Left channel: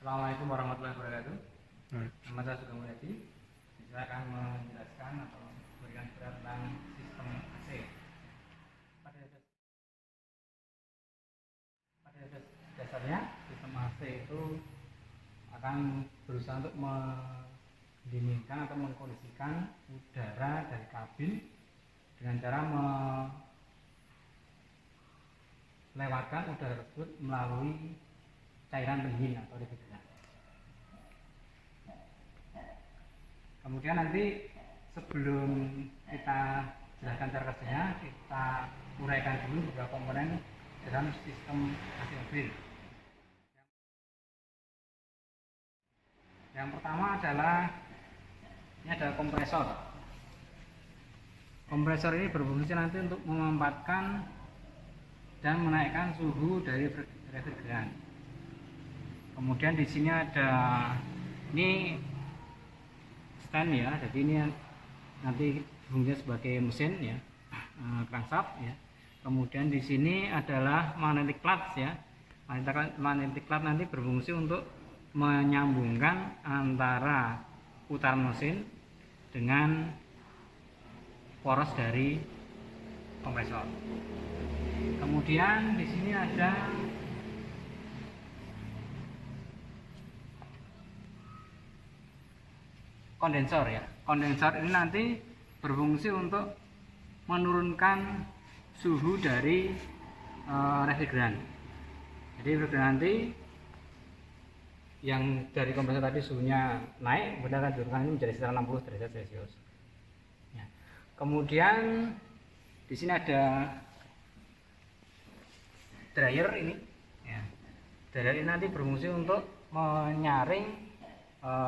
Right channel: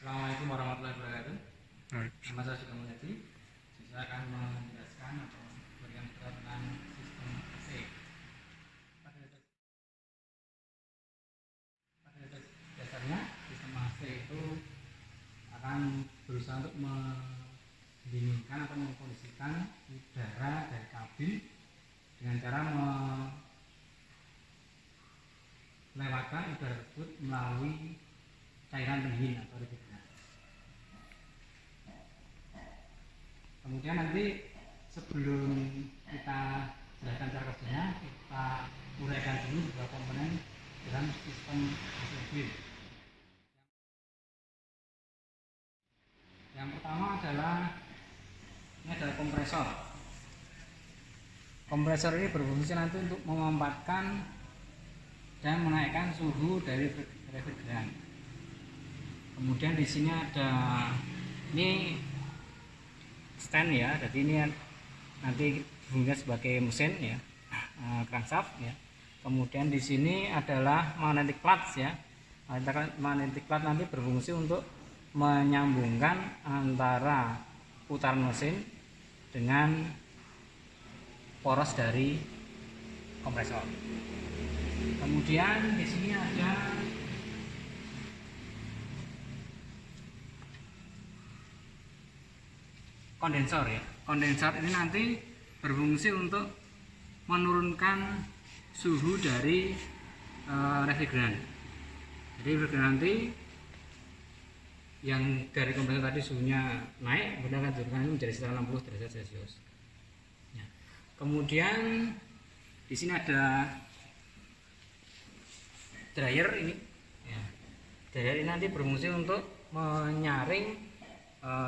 Assalamualaikum warahmatullahi wabarakatuh. Baik. Nama saya Sugeng Mulyadi. Saya akan menjelaskan atau memberikan surat tentang sistem AC. Pada dasarnya sistem AC itu akan berusaha untuk mendinginkan atau mengkondisikan udara dari kabin dengan cara melewatkan udara tersebut melalui cairan pendingin atau refrigeran. Kemudian nanti sebelum kita jelaskan cara kerjanya, kita uraikan dulu beberapa komponen dalam sistem AC mobil. Yang pertama adalah kompresor. Kompresor ini berfungsi nanti untuk memanfaatkan dan menaikkan suhu dari refrigeran. Kemudian di sini ada stand ya, jadi ini nanti fungsinya sebagai mesin ya, crankshaft ya. Kemudian di sini adalah magnetic clutch ya. Magnetic clutch nanti berfungsi untuk menyambungkan antara putaran mesin dengan poros dari kompresor. Kemudian di sini ada kondensor ya. Kondensor ini nanti berfungsi untuk menurunkan suhu dari refrigeran. Jadi refrigeran nanti yang dari kompresor tadi suhunya naik, kemudian akan diturunkan ini menjadi sekitar 60 derajat Celcius. Ya. Kemudian di sini ada dryer ini. Ya. Dryer ini nanti berfungsi untuk menyaring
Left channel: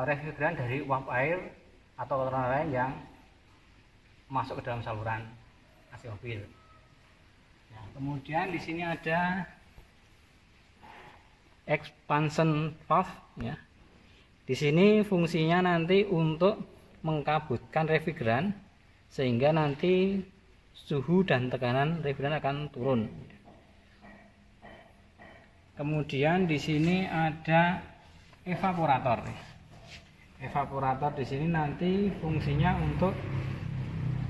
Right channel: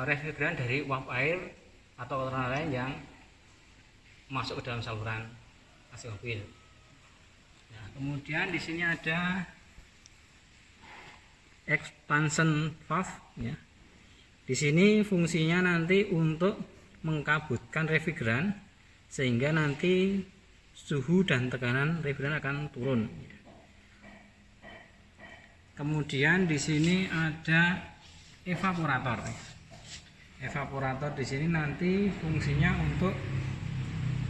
refrigeran dari uap air atau kotoran lain yang masuk ke dalam saluran AC mobil. Nah, kemudian di sini ada expansion valve ya. Di sini fungsinya nanti untuk mengkabutkan refrigeran sehingga nanti suhu dan tekanan refrigeran akan turun. Kemudian di sini ada evaporator. Evaporator di sini nanti fungsinya untuk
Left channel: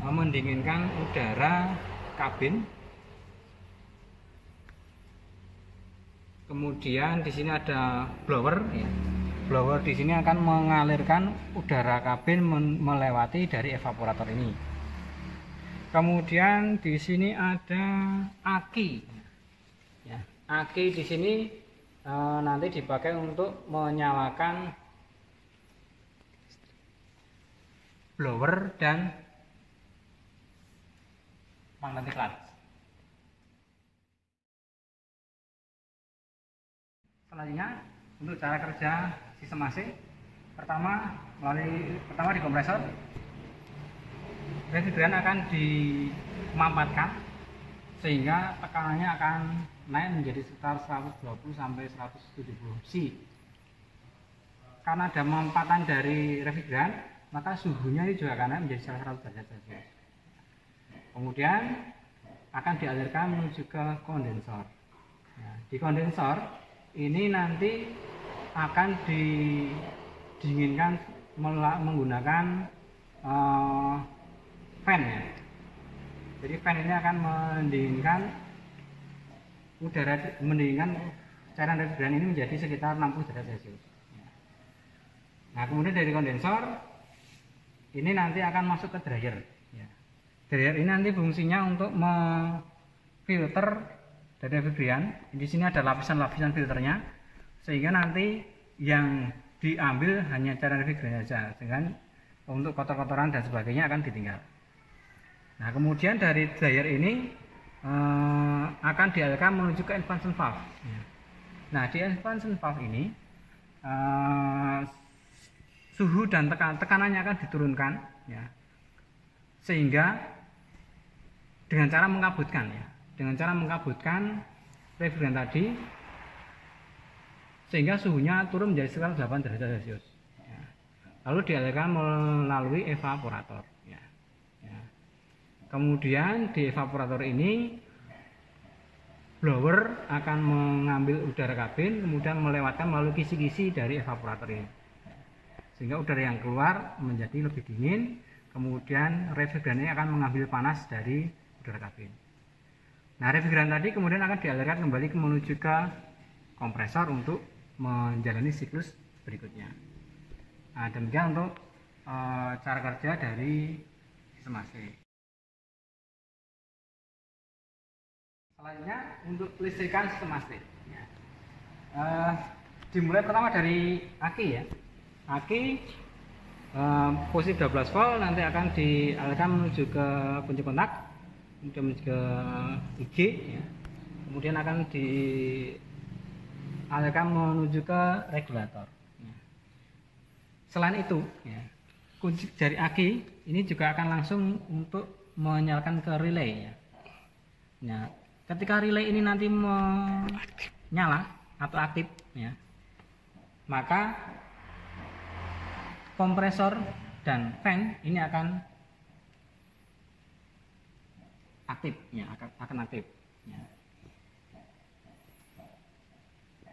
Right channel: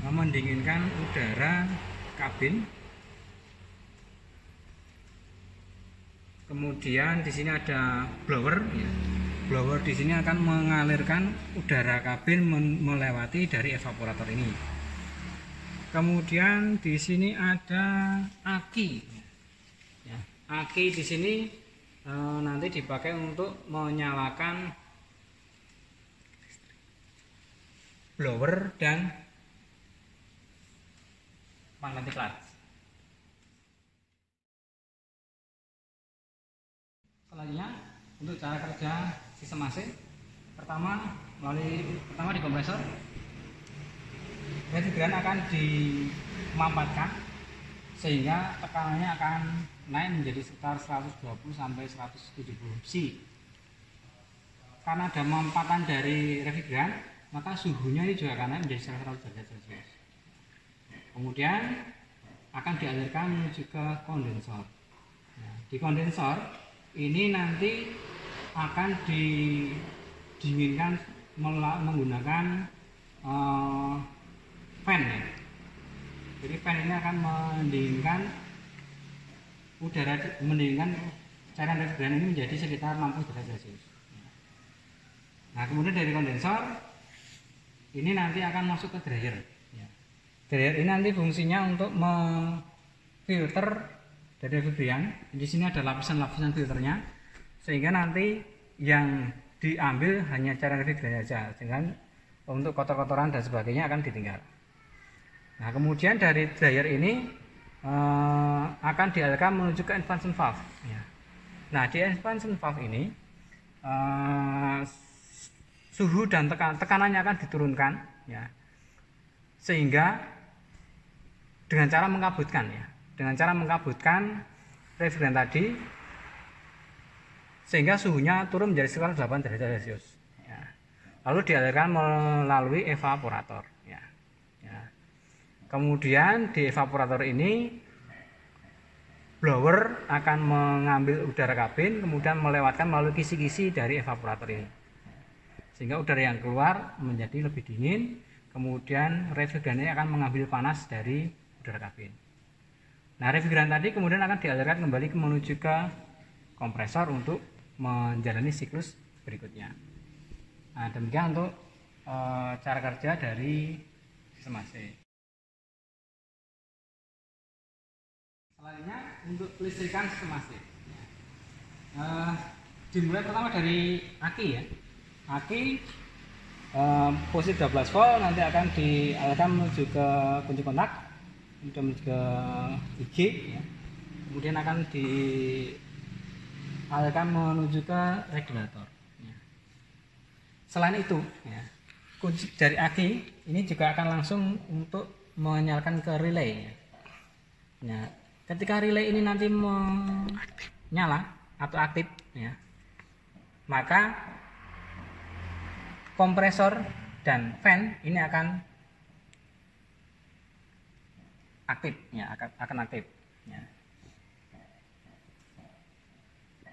mendinginkan udara kabin. Kemudian di sini ada blower ya. Blower di sini akan mengalirkan udara kabin melewati dari evaporator ini. Kemudian di sini ada aki. Ya, aki di sini nanti dipakai untuk menyalakan blower dan magnetic clutch. Selanjutnya untuk cara kerja sistem AC, pertama di kompresor, refrigeran akan dimampatkan sehingga tekanannya akan naik menjadi sekitar 120 sampai 170 C. Karena ada mampatan dari refrigeran, maka suhunya ini juga akan naik menjadi 100 derajat Celcius. Kemudian akan dialirkan menuju ke kondensor. Nah, di kondensor ini nanti akan didinginkan menggunakan fan ya. Jadi fan ini akan mendinginkan cairan refrigeran ini menjadi sekitar 60 derajat Celcius. Nah, kemudian dari kondensor ini nanti akan masuk ke dryer. Ya. Dryer ini nanti fungsinya untuk memfilter dari refrigeran. Di sini ada lapisan-lapisan filternya, sehingga nanti yang diambil hanya cairan refrigeran saja, dengan untuk kotor-kotoran dan sebagainya akan ditinggal. Nah, kemudian dari dryer ini akan dialirkan menuju ke expansion valve. Ya. Nah, di expansion valve ini suhu dan tekanannya akan diturunkan ya, sehingga dengan cara mengkabutkan refrigeran tadi sehingga suhunya turun menjadi sekitar 8 derajat Celcius ya. Lalu dialirkan melalui evaporator ya. Ya. Kemudian di evaporator ini blower akan mengambil udara kabin kemudian melewatkan melalui kisi-kisi dari evaporator ini, sehingga udara yang keluar menjadi lebih dingin, kemudian refrigeran ini akan mengambil panas dari udara kabin. Nah, refrigeran tadi kemudian akan dialirkan kembali menuju ke kompresor untuk menjalani siklus berikutnya. Nah, demikian untuk cara kerja dari sistem AC. Selanjutnya untuk listrikan sistem AC. Dimulai pertama dari aki ya. Aki posisi 12 volt nanti akan dialirkan menuju ke kunci kontak, kemudian menuju ke IG ya. Kemudian akan dialirkan menuju ke regulator ya. Selain itu ya, kunci dari aki ini juga akan langsung untuk menyalakan ke relay ya. Nah, ketika relay ini nanti menyala atau aktif ya, maka kompresor dan fan ini akan aktif ya, akan aktif ya.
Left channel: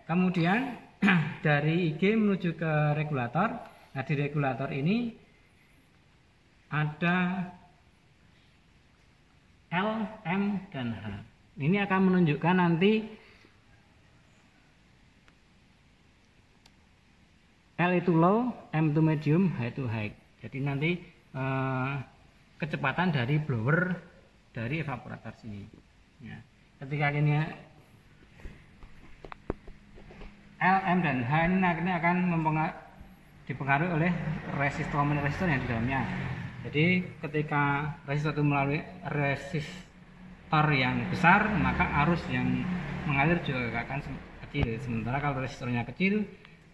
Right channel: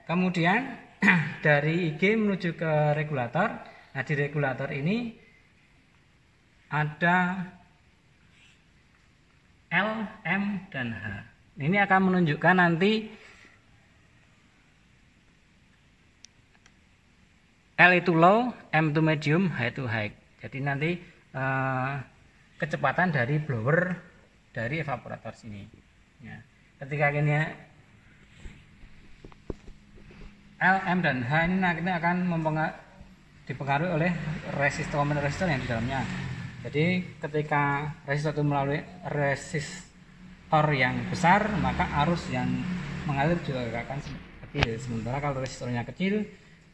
Kemudian dari IG menuju ke regulator. Nah, di regulator ini ada L, M, dan H. Ini akan menunjukkan nanti L itu low, M itu medium, H itu high. Jadi nanti kecepatan dari blower dari evaporator sini ya. Ketika ini L, M, dan H ini nanti akan dipengaruhi oleh resistor yang di dalamnya. Jadi ketika resistor itu melalui resistor yang besar, maka arus yang mengalir juga akan kecil. Sementara kalau resistornya kecil,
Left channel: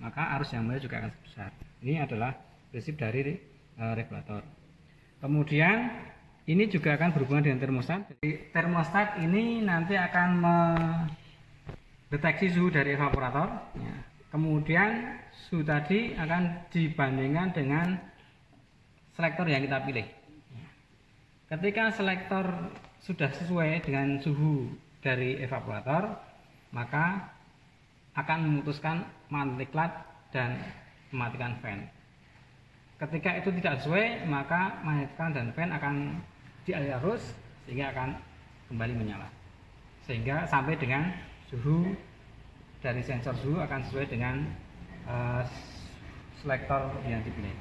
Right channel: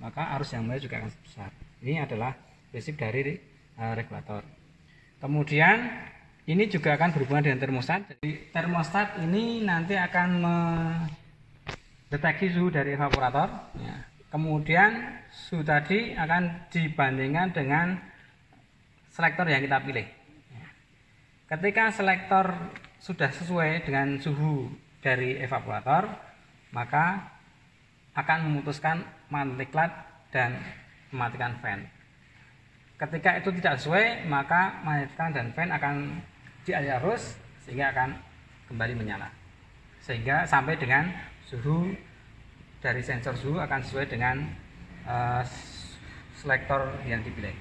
maka arus yang mengalir juga akan besar. Ini adalah prinsip dari regulator. Kemudian ini juga akan berhubungan dengan termostat. Jadi termostat ini nanti akan mendeteksi suhu dari evaporator ya. Kemudian suhu tadi akan dibandingkan dengan selektor yang kita pilih. Ketika selektor sudah sesuai dengan suhu dari evaporator, maka akan memutuskan mati diklat dan mematikan fan. Ketika itu tidak sesuai, maka mati diklat dan fan akan dialih arus sehingga akan kembali menyala. Sehingga sampai dengan suhu dari sensor suhu akan sesuai dengan selektor yang dipilih.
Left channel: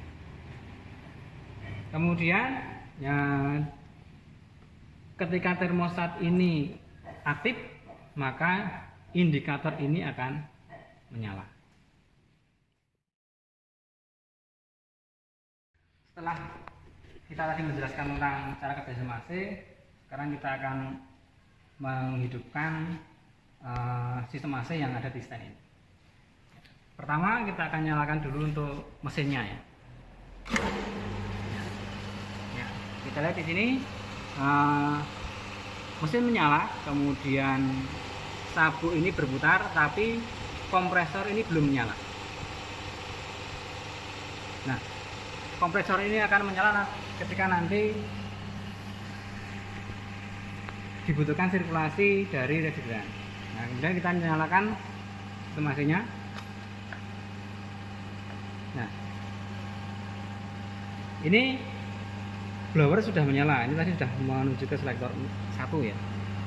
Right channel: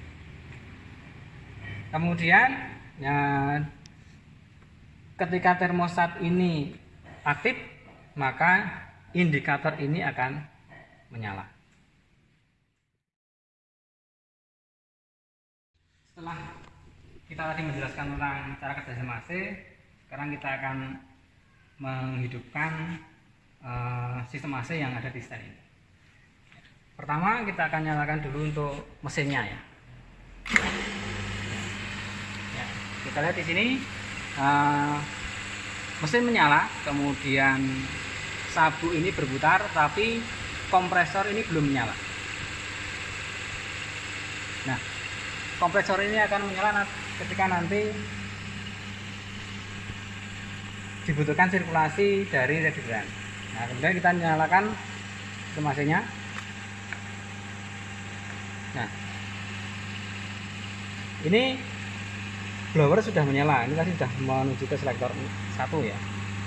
Kemudian ya, ketika termostat ini aktif, maka indikator ini akan menyala. Setelah kita tadi menjelaskan tentang cara kerja sistem AC, sekarang kita akan menghidupkan sistem AC yang ada di stand ini. Pertama kita akan nyalakan dulu untuk mesinnya ya. Kita lihat di sini mesin menyala, kemudian sabuk ini berputar, tapi kompresor ini belum menyala. Nah, kompresor ini akan menyala ketika nanti dibutuhkan sirkulasi dari refrigeran. Nah, kemudian kita nyalakan sistem AC-nya. Nah, ini blower sudah menyala. Ini tadi sudah menuju ke selektor 1 ya.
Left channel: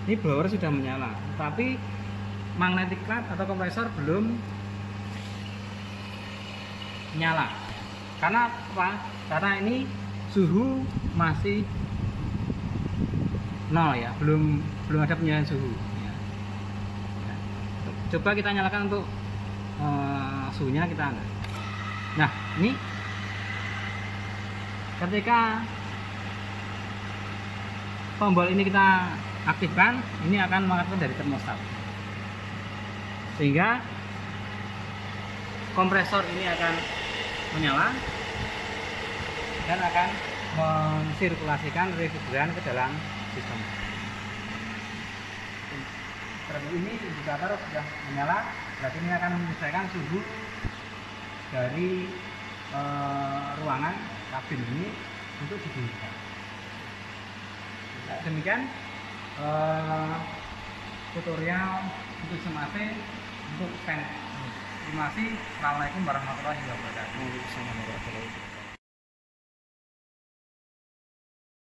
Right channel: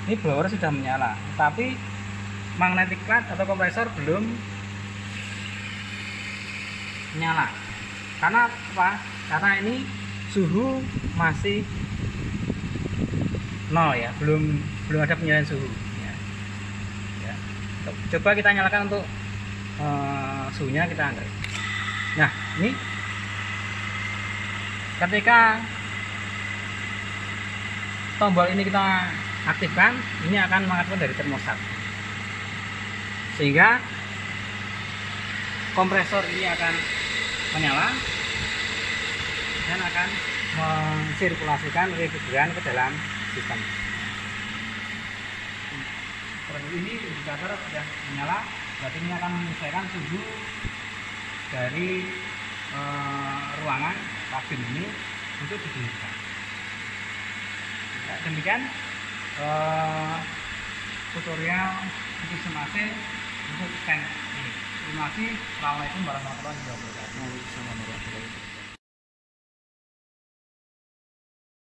Ini blower sudah menyala, tapi magnetic plant atau kompresor belum menyala. Karena apa? Karena ini suhu masih 0 ya, belum ada penyalahan suhu. Ya. Coba kita nyalakan untuk suhunya kita angkat. Nah, ini ketika tombol ini kita aktifkan, ini akan mengaktifkan dari termostat, sehingga kompresor ini akan menyala dan akan mensirkulasikan refrigeran ke dalam sistem. Terlebih ini indikator sudah menyala, berarti ini akan menyesuaikan suhu dari ruangan kabin ini untuk didinginkan. Demikian tutorial untuk semase untuk stand ini. Terima kasih. Assalamualaikum warahmatullahi wabarakatuh.